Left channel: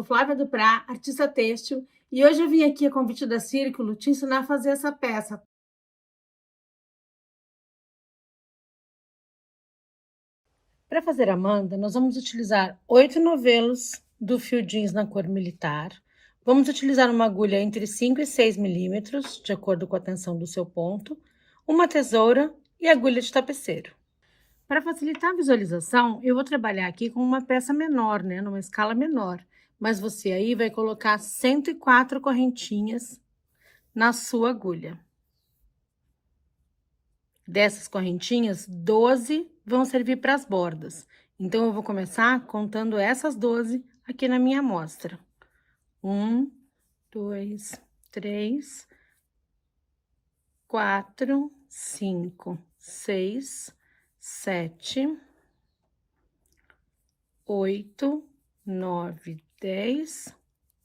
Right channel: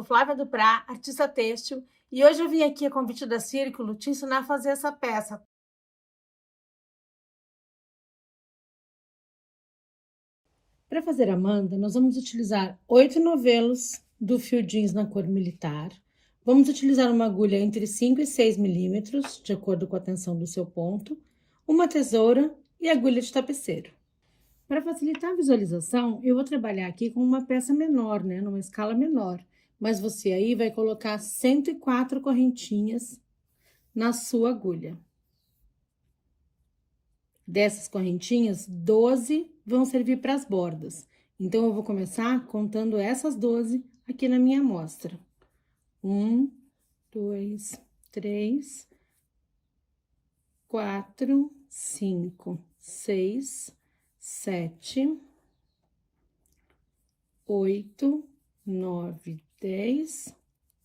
sou Flávia Duprá, artista têxtil, e hoje eu vim aqui a convite da Círculo te ensinar a fazer essa peça. Para fazer a manta, nós vamos utilizar 8 novelos do fio jeans na cor militar. Vamos utilizar uma agulha entre 5 e 6 milímetros, de acordo com a tensão do seu ponto, uma tesoura e agulha de tapeceiro. Para facilitar a visualização, eu vou trabalhar aqui com uma peça menor, né, numa escala menor. Mas você aí vai colocar 104 correntinhas na sua agulha. Dessas correntinhas, 12 vão servir para as bordas. Então, eu vou começar contando essas 12 aqui na minha amostra. 1, 2, 3, 4, 5, 6, 7, 8, 9, 10,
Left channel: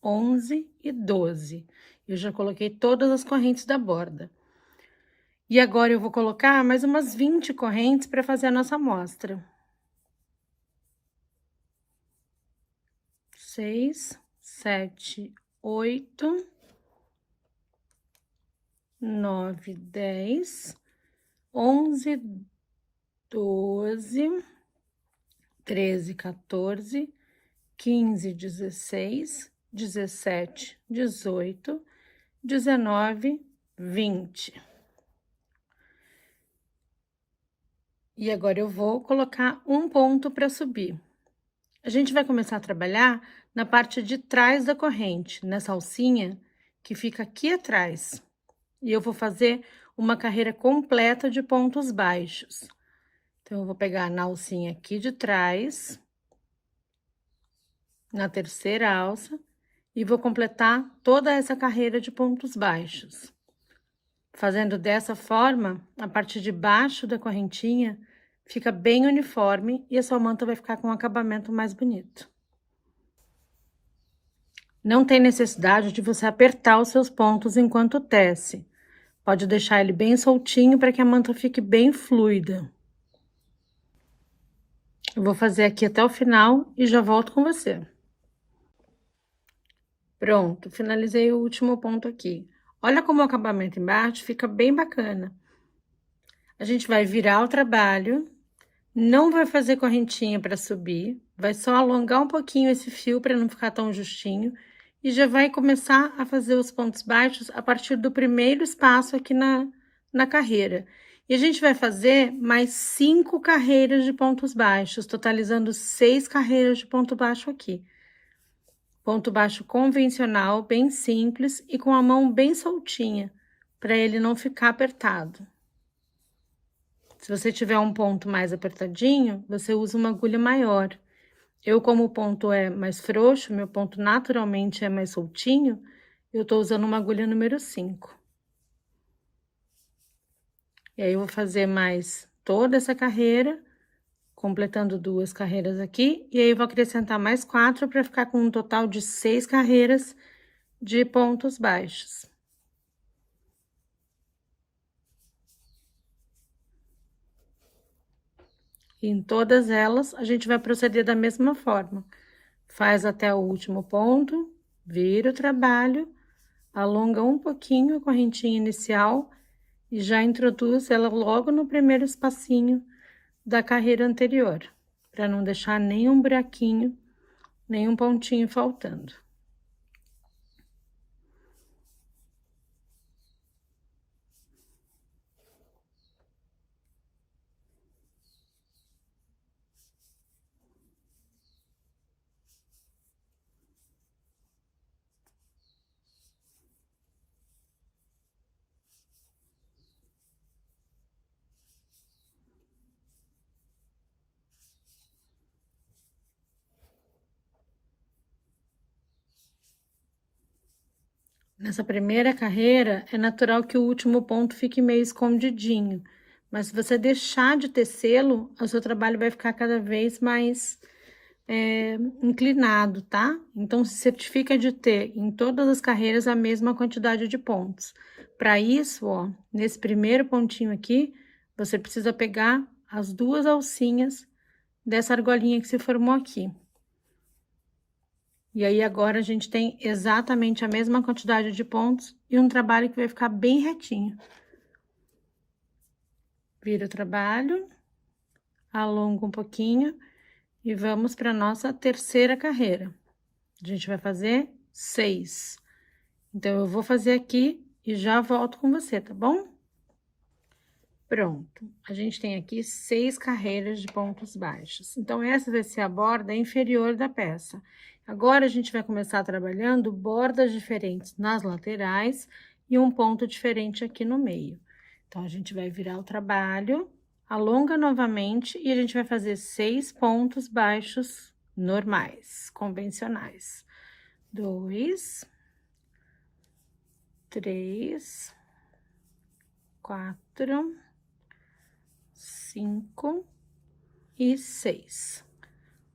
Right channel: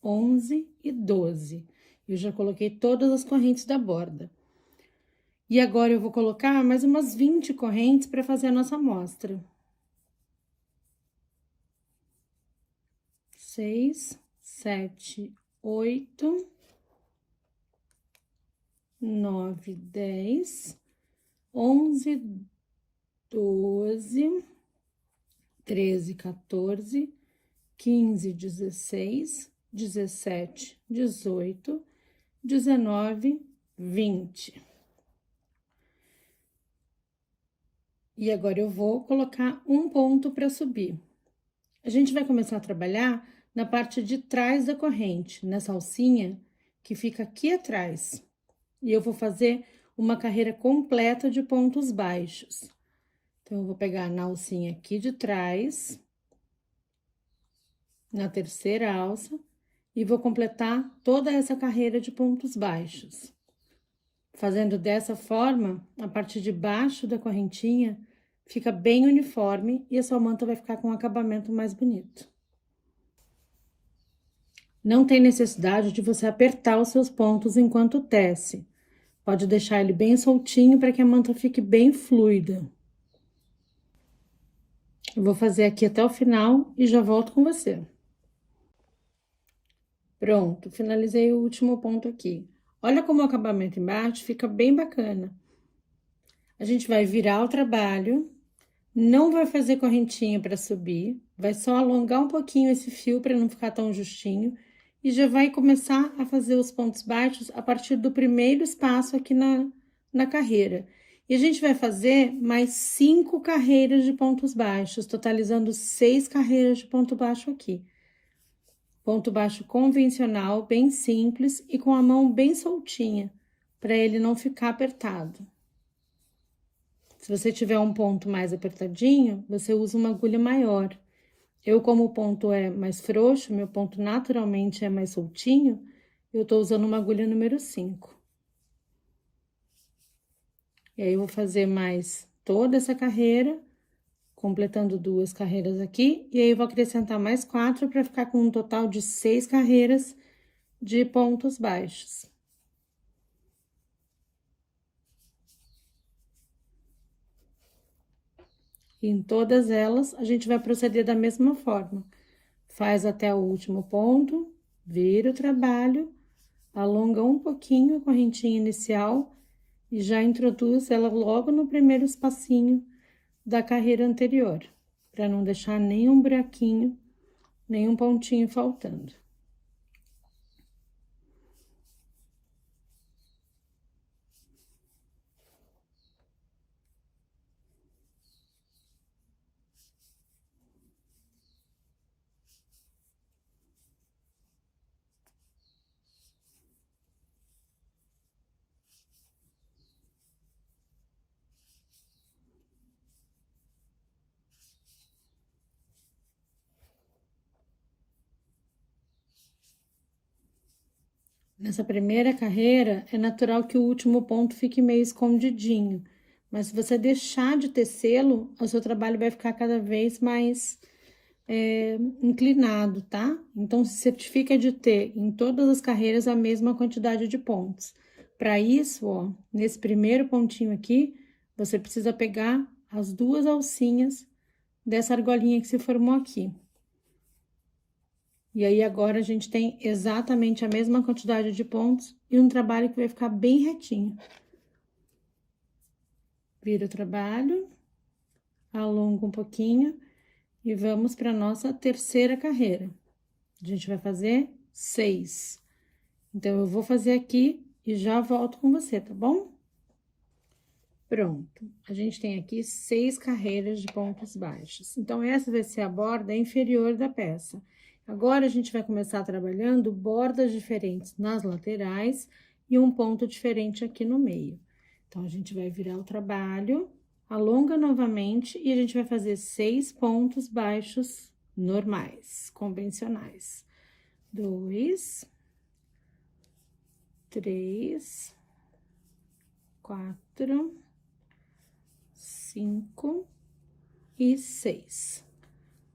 11 e 12. Eu já coloquei todas as correntes da borda. E agora eu vou colocar mais umas 20 correntes para fazer a nossa amostra. 6, 7, 8, 9, 10, 11, 12, 13, 14, 15, 16, 17, 18, 19, 20. E agora eu vou colocar um ponto para subir. A gente vai começar a trabalhar na parte de trás da corrente, nessa alcinha que fica aqui atrás. E eu vou fazer uma carreira completa de pontos baixos. Então, eu vou pegar na alcinha aqui de trás, na terceira alça, e vou completar toda essa carreira de pontos baixos. Fazendo dessa forma, a parte de baixo da correntinha fica bem uniforme e a sua manta vai ficar com um acabamento mais bonito. Não tem necessidade de você apertar os seus pontos enquanto tece. Pode deixar ele bem soltinho para que a manta fique bem fluida. Eu vou fazer aqui até o final e já volto com você. Pronto, finalizei o último ponto aqui. Olha como o acabamento embaixo fica bem bacana. A gente vai virar o trabalho, não vai fazer correntinha para subir, vai só alongar um pouquinho esse fio para não ficar tão justinho e já vai começar a fazer os pontos baixos a partir do primeiro espaço aqui na carreira. E a gente vai fazer mais 5 carreiras de pontos baixos, totalizando 6 carreiras de ponto baixo aqui. Ponto baixo convencional, bem simples e com a mão bem soltinha, para ele não ficar apertado. Se você tiver um ponto mais apertadinho, você usa uma agulha maior. Eu, como o ponto é mais frouxo, meu ponto naturalmente é mais soltinho, eu tô usando uma agulha número 5. E aí, eu vou fazer mais toda essa carreira, completando 2 carreiras aqui, e aí eu vou acrescentar mais 4 para ficar com um total de 6 carreiras de pontos baixos. E em todas elas, a gente vai proceder da mesma forma. Faz até o último ponto, vira o trabalho, alonga um pouquinho a correntinha inicial e já introduz ela logo no primeiro espacinho da carreira anterior, para não deixar nenhum buraquinho, nenhum pontinho faltando. Nessa primeira carreira, é natural que o último ponto fique meio escondidinho, mas se você deixar de tecê-lo, o seu trabalho vai ficar cada vez mais inclinado, tá? Então, se certifica de ter em todas as carreiras a mesma quantidade de pontos. Para isso, ó, nesse primeiro pontinho aqui, você precisa pegar as 2 alcinhas dessa argolinha que se formou aqui. E aí, agora, a gente tem exatamente a mesma quantidade de pontos e um trabalho que vai ficar bem retinho. Vira o trabalho, alonga um pouquinho e vamos para nossa terceira carreira. A gente vai fazer 6. Então, eu vou fazer aqui e já volto com você, tá bom? Pronto, a gente tem aqui 6 carreiras de pontos baixos. Então, essa vai ser a borda inferior da peça. Agora, a gente vai começar trabalhando bordas diferentes nas laterais e um ponto diferente aqui no meio. Então, a gente vai virar o trabalho, alonga novamente e a gente vai fazer 6 pontos baixos normais, convencionais. 2, 3, 4, 5 e 6.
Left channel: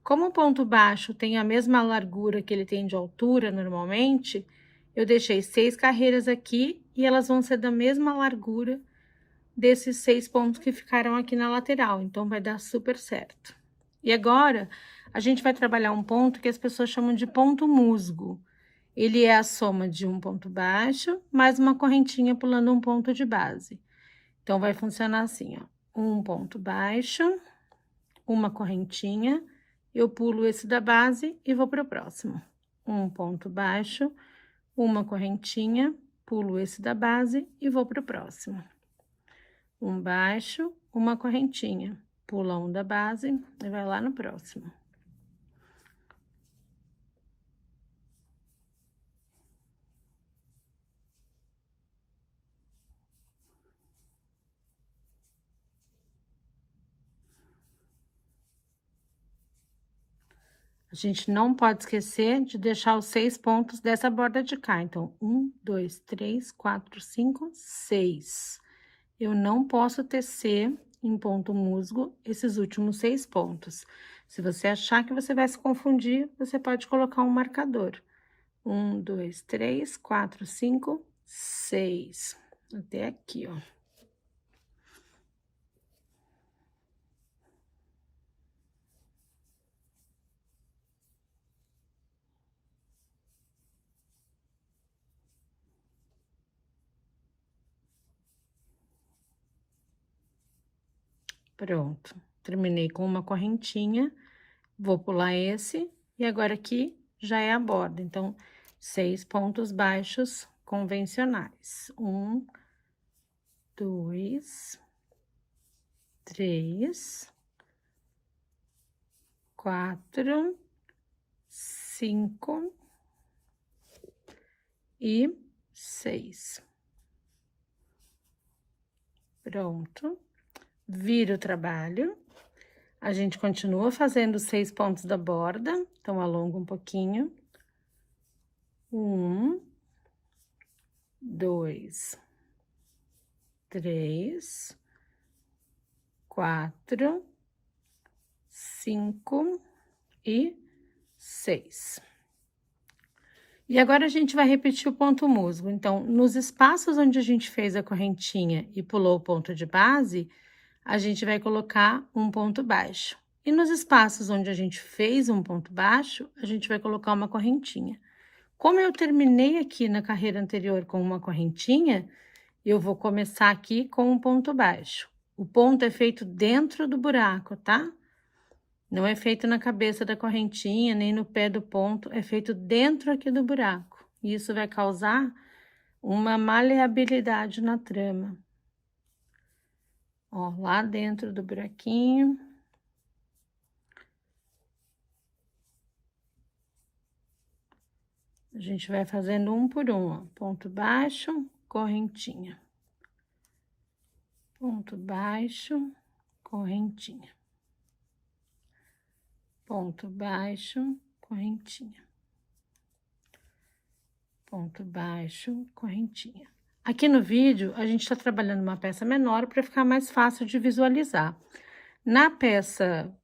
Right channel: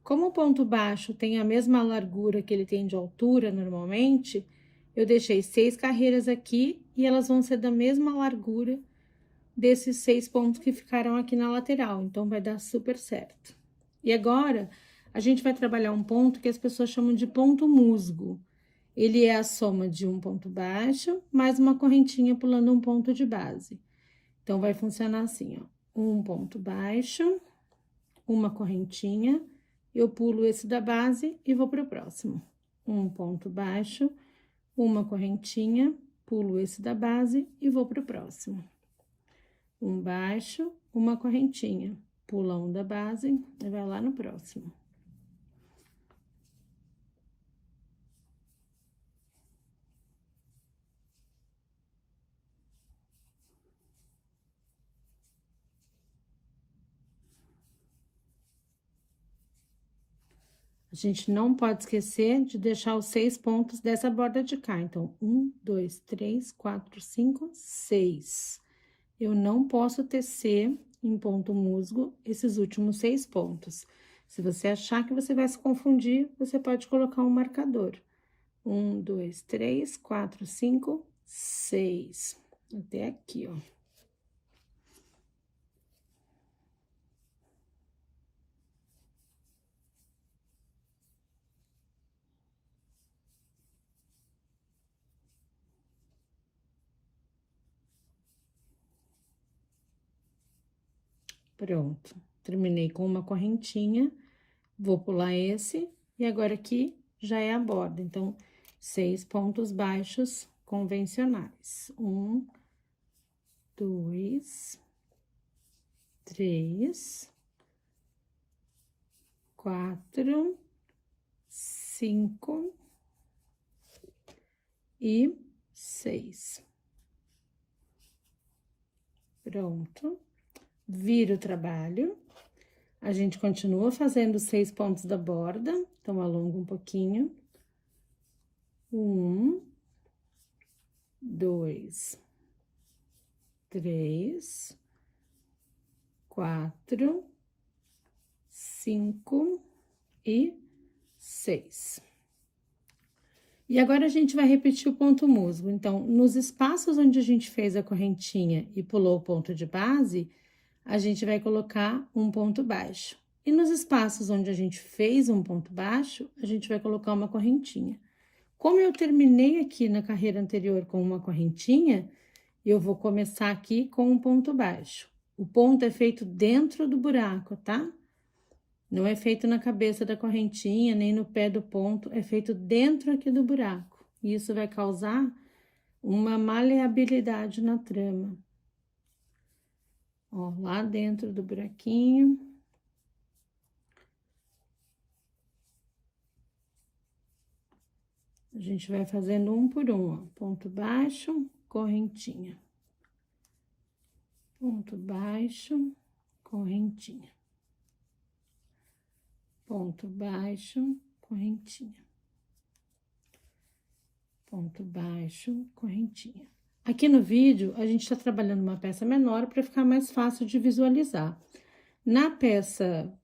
Como o ponto baixo tem a mesma largura que ele tem de altura normalmente, eu deixei 6 carreiras aqui e elas vão ser da mesma largura desses 6 pontos que ficaram aqui na lateral, então vai dar super certo. E agora, a gente vai trabalhar um ponto que as pessoas chamam de ponto musgo. Ele é a soma de um ponto baixo mais uma correntinha pulando um ponto de base. Então, vai funcionar assim, ó. Um ponto baixo, uma correntinha, eu pulo esse da base e vou para o próximo. Um ponto baixo, uma correntinha, pulo esse da base e vou para o próximo. Um baixo, uma correntinha, pula um da base e vai lá no próximo. A gente não pode esquecer de deixar os 6 pontos dessa borda de cá. Então, 1, 2, 3, 4, 5, 6. Eu não posso tecer em ponto musgo esses últimos 6 pontos. Se você achar que você vai se confundir, você pode colocar um marcador. 1, 2, 3, 4, 5, 6. Até aqui, ó. Pronto, terminei com uma correntinha, vou pular esse, e agora aqui já é a borda. Então, 6 pontos baixos convencionais. 1, 2, 3, 4, 5 e 6. Pronto. Vira o trabalho. A gente continua fazendo os 6 pontos da borda, então, alonga um pouquinho. 1, 2, 3, 4, 5 e 6. E agora, a gente vai repetir o ponto musgo. Então, nos espaços onde a gente fez a correntinha e pulou o ponto de base, a gente vai colocar um ponto baixo. E nos espaços onde a gente fez um ponto baixo, a gente vai colocar uma correntinha. Como eu terminei aqui na carreira anterior com uma correntinha, eu vou começar aqui com um ponto baixo. O ponto é feito dentro do buraco, tá? Não é feito na cabeça da correntinha, nem no pé do ponto, é feito dentro aqui do buraco. E isso vai causar uma maleabilidade na trama. Ó, lá dentro do buraquinho. A gente vai fazendo um por um, ó. Ponto baixo, correntinha. Ponto baixo, correntinha. Ponto baixo, correntinha. Ponto baixo, correntinha. Aqui no vídeo, a gente tá trabalhando uma peça menor para ficar mais fácil de visualizar. Na peça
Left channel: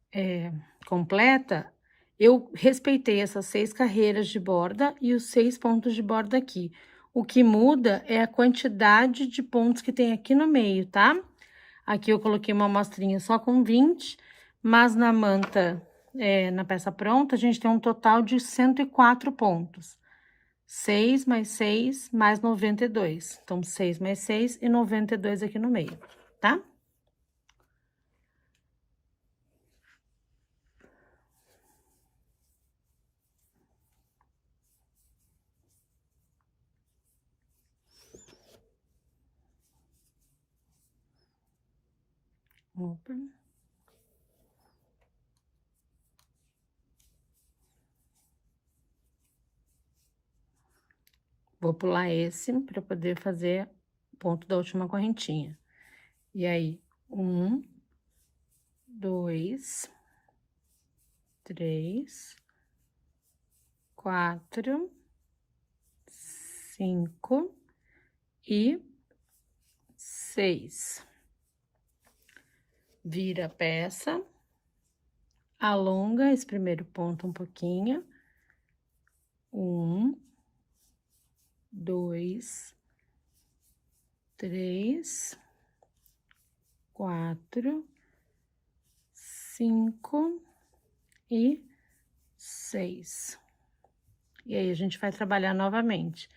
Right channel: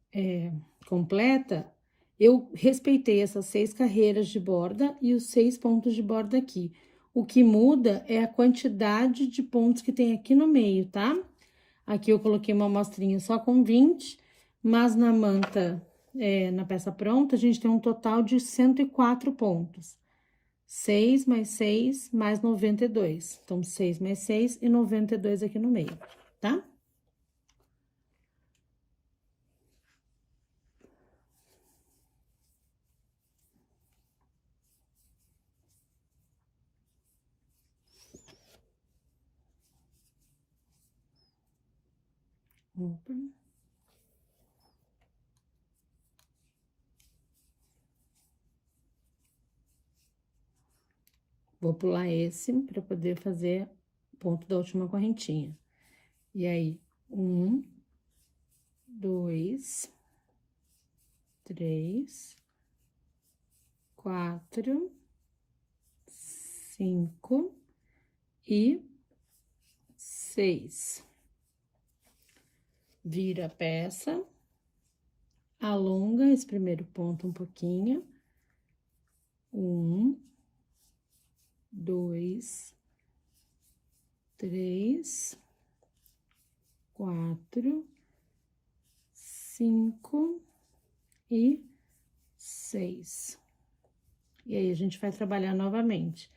completa, eu respeitei essas 6 carreiras de borda e os 6 pontos de borda aqui. O que muda é a quantidade de pontos que tem aqui no meio, tá? Aqui eu coloquei uma amostrinha só com 20, mas na manta na peça pronta, a gente tem um total de 104 pontos. 6 mais 6 mais 92. Então, 6 mais 6 e 92 aqui no meio, tá? Opa. Vou pular esse para poder fazer ponto da última correntinha. E aí, 1, 2, 3, 4, 5 e 6. Vira a peça, alonga esse primeiro ponto um pouquinho. 1, 2, 3, 4, 5 e 6. E aí, a gente vai trabalhar novamente.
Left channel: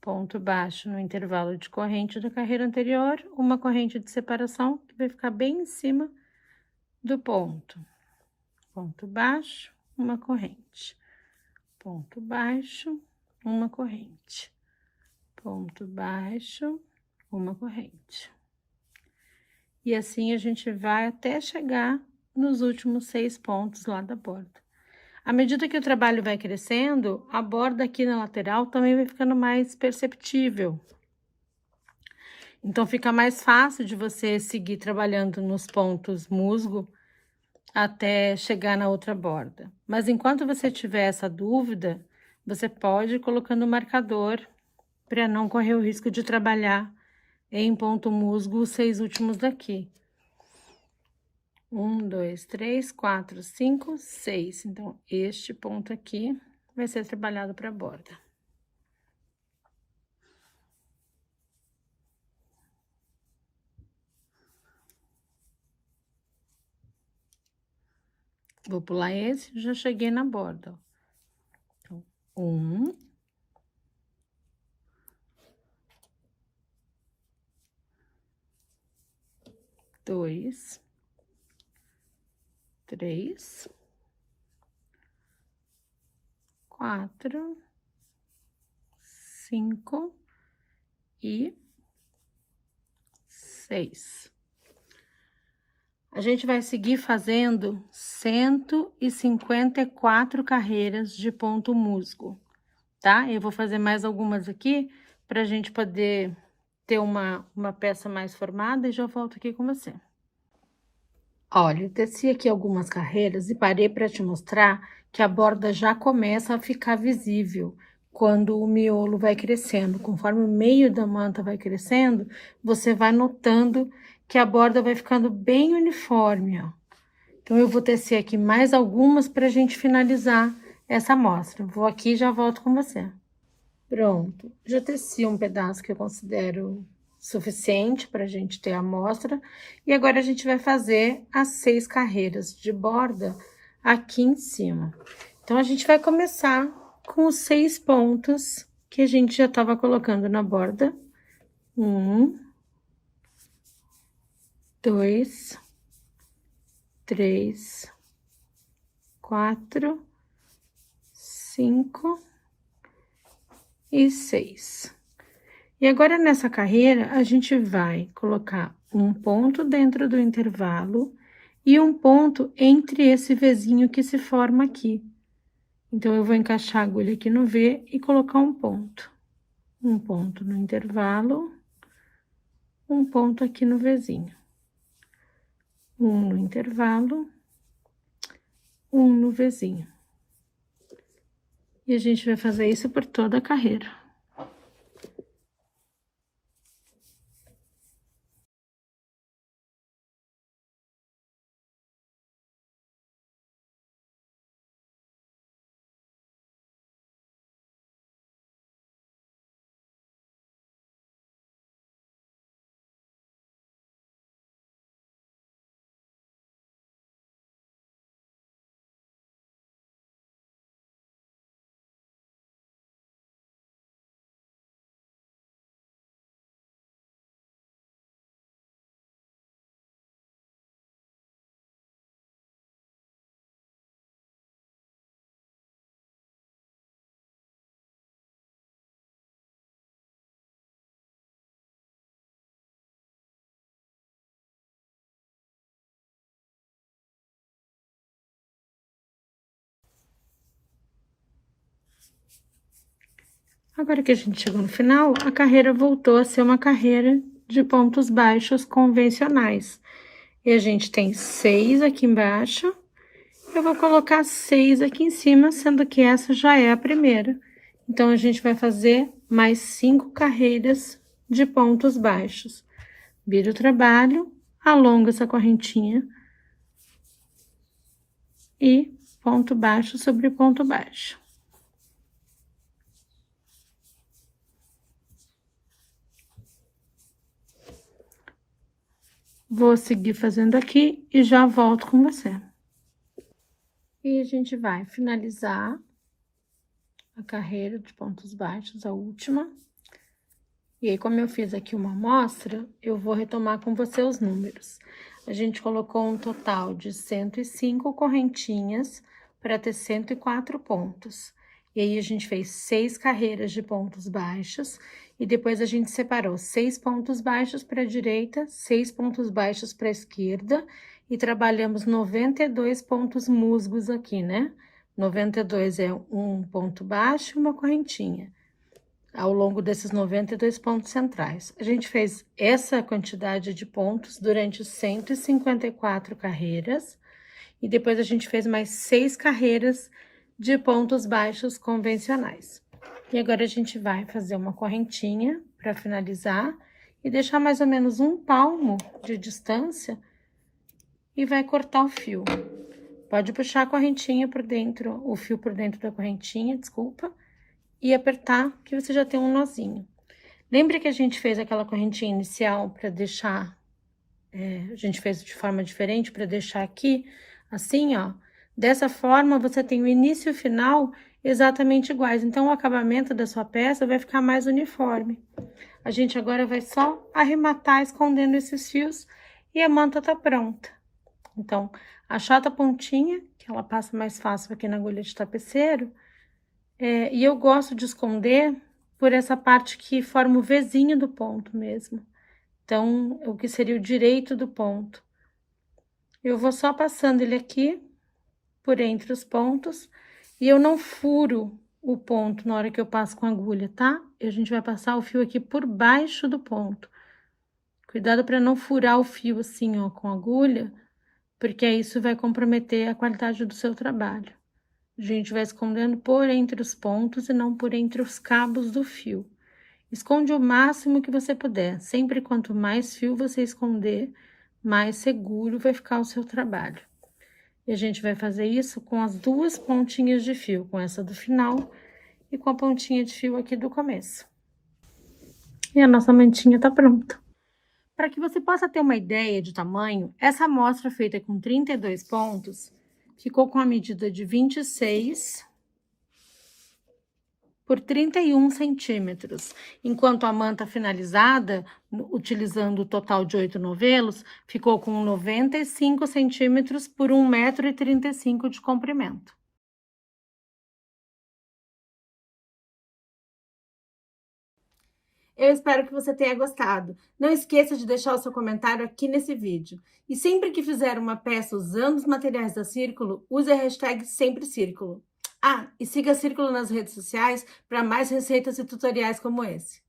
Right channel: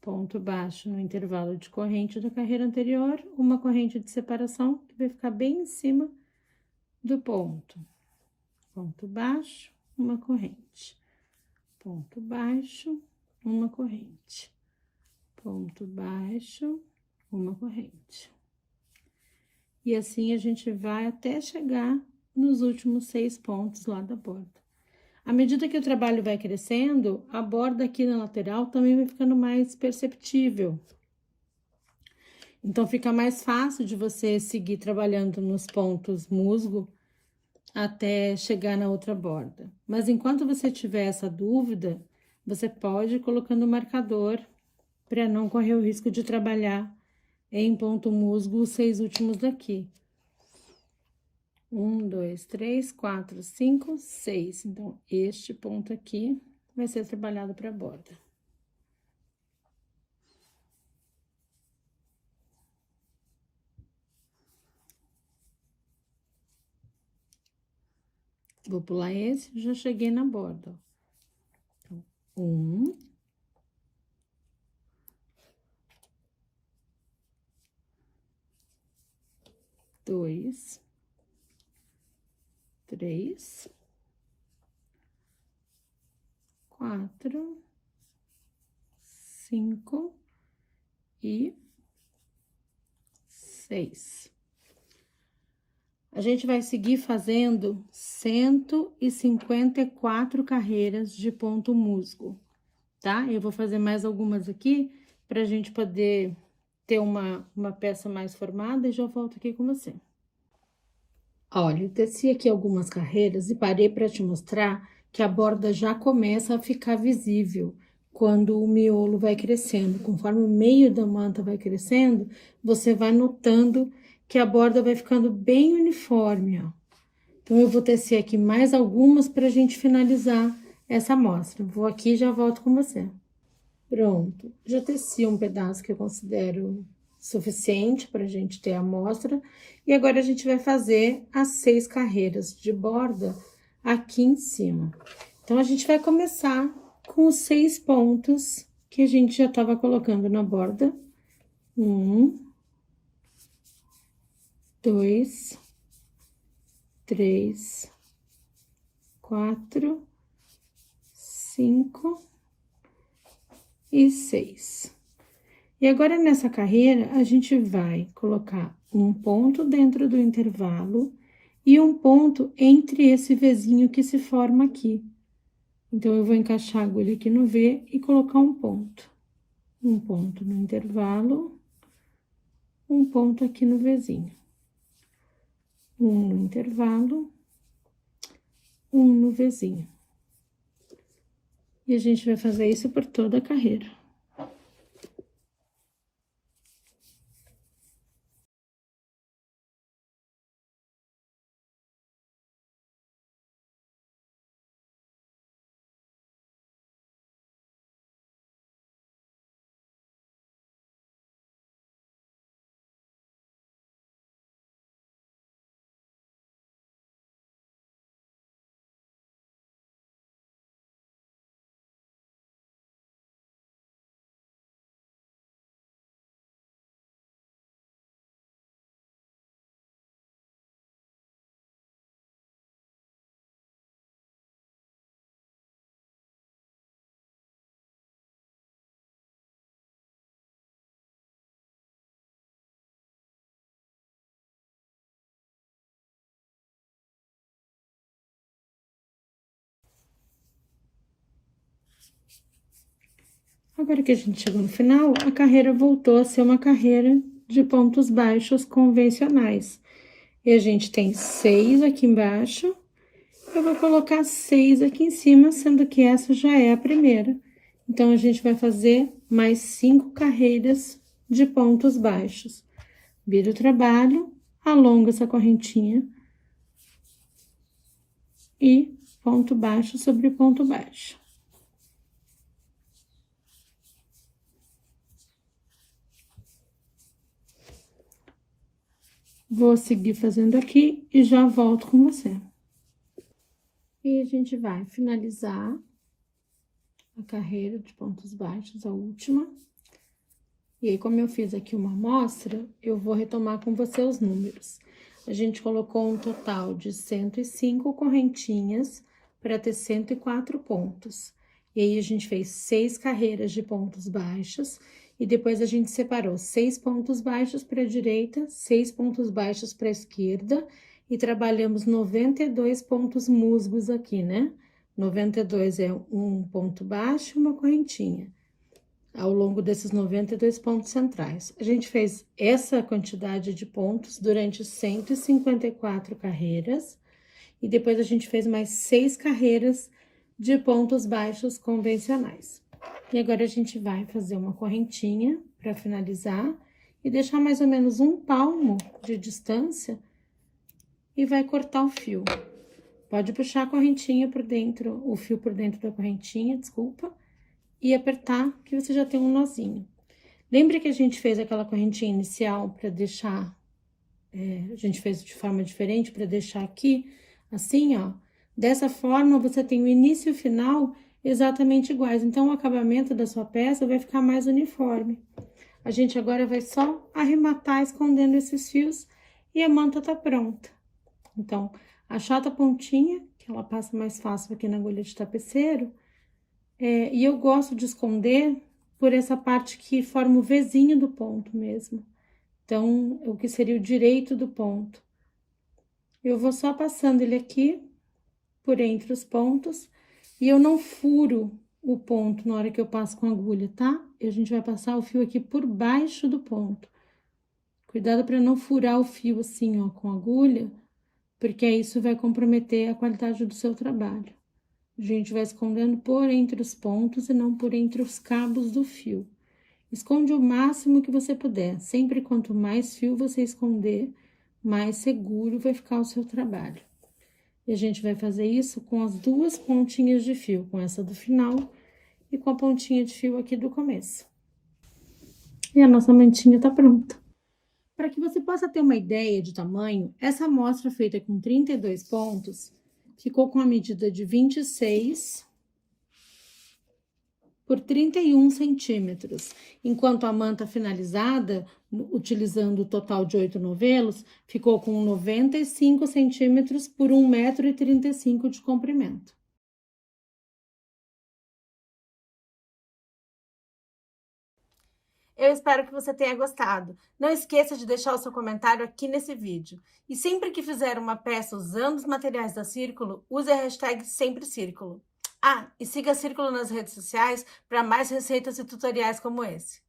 Ponto baixo no intervalo de corrente da carreira anterior, uma corrente de separação que vai ficar bem em cima do ponto. Ponto baixo, uma corrente. Ponto baixo, uma corrente. Ponto baixo, uma corrente. E assim a gente vai até chegar nos últimos 6 pontos lá da borda. À medida que o trabalho vai crescendo, a borda aqui na lateral também vai ficando mais perceptível. Então, fica mais fácil de você seguir trabalhando nos pontos musgo até chegar na outra borda. Mas enquanto você tiver essa dúvida, você pode ir colocando o marcador para não correr o risco de trabalhar em ponto musgo os 6 últimos daqui. 1, 2, 3, 4, 5, 6. Então, este ponto aqui vai ser trabalhado para a borda. Vou pular esse, já cheguei na borda. Então, 1, 2, 3, 4, 5 e 6. A gente vai seguir fazendo 154 carreiras de ponto musgo, tá? Eu vou fazer mais algumas aqui pra gente poder ter uma peça mais formada e já volto aqui com você. Olha, eu teci aqui algumas carreiras e parei para te mostrar que a borda já começa a ficar visível quando o miolo vai crescendo. Conforme o meio da manta vai crescendo, você vai notando que a borda vai ficando bem uniforme, ó. Então, eu vou tecer aqui mais algumas para a gente finalizar essa amostra. Vou aqui e já volto com você. Pronto, já teci um pedaço que eu considero suficiente para a gente ter a amostra. E agora, a gente vai fazer as 6 carreiras de borda aqui em cima. Então, a gente vai começar com os 6 pontos que a gente já estava colocando na borda. 1, 2, 3, 4, 5 e 6. E agora, nessa carreira, a gente vai colocar um ponto dentro do intervalo e um ponto entre esse Vzinho que se forma aqui. Então, eu vou encaixar a agulha aqui no V e colocar um ponto. Um ponto no intervalo, um ponto aqui no Vzinho. Um no intervalo, um no Vzinho. E a gente vai fazer isso por toda a carreira. Agora que a gente chegou no final, a carreira voltou a ser uma carreira de pontos baixos convencionais. E a gente tem 6 aqui embaixo. Eu vou colocar 6 aqui em cima, sendo que essa já é a primeira. Então, a gente vai fazer mais 5 carreiras de pontos baixos. Vira o trabalho, alonga essa correntinha e ponto baixo sobre ponto baixo. Vou seguir fazendo aqui e já volto com você. E a gente vai finalizar a carreira de pontos baixos, a última. E aí, como eu fiz aqui uma amostra, eu vou retomar com você os números. A gente colocou um total de 105 correntinhas para ter 104 pontos. E aí, a gente fez 6 carreiras de pontos baixos e depois a gente separou 6 pontos baixos para a direita, 6 pontos baixos para a esquerda e trabalhamos 92 pontos musgos aqui, né? 92 é um ponto baixo e uma correntinha ao longo desses 92 pontos centrais. A gente fez essa quantidade de pontos durante 154 carreiras, e depois a gente fez mais 6 carreiras de pontos baixos convencionais. E agora a gente vai fazer uma correntinha para finalizar e deixar mais ou menos 1 palmo de distância e vai cortar o fio. Pode puxar a correntinha por dentro, o fio por dentro da correntinha, desculpa, e apertar, que você já tem um nozinho. Lembra que a gente fez aquela correntinha inicial para deixar, a gente fez de forma diferente para deixar aqui, assim, ó. Dessa forma, você tem o início e o final exatamente iguais. Então, o acabamento da sua peça vai ficar mais uniforme. A gente agora vai só arrematar escondendo esses fios e a manta tá pronta. Então, achata a pontinha, que ela passa mais fácil aqui na agulha de tapeceiro. E eu gosto de esconder por essa parte que forma o Vzinho do ponto mesmo. Então, o que seria o direito do ponto. Eu vou só passando ele aqui, por entre os pontos, e eu não furo o ponto na hora que eu passo com a agulha, tá? E a gente vai passar o fio aqui por baixo do ponto. Cuidado para não furar o fio assim, ó, com a agulha, porque isso vai comprometer a qualidade do seu trabalho. A gente vai escondendo por entre os pontos e não por entre os cabos do fio. Esconde o máximo que você puder. Sempre quanto mais fio você esconder, mais seguro vai ficar o seu trabalho. E a gente vai fazer isso com as 2 pontinhas de fio, com essa do final e com a pontinha de fio aqui do começo. E a nossa mantinha tá pronta. Para que você possa ter uma ideia de tamanho, essa amostra feita com 32 pontos ficou com a medida de 26 por 31 centímetros, enquanto a manta finalizada, utilizando o total de 8 novelos, ficou com 95 centímetros por 1,35 m de comprimento. Eu espero que você tenha gostado. Não esqueça de deixar o seu comentário aqui nesse vídeo. E sempre que fizer uma peça usando os materiais da Círculo, use a hashtag SempreCírculo. Ah, e siga a Círculo nas redes sociais para mais receitas e tutoriais como esse.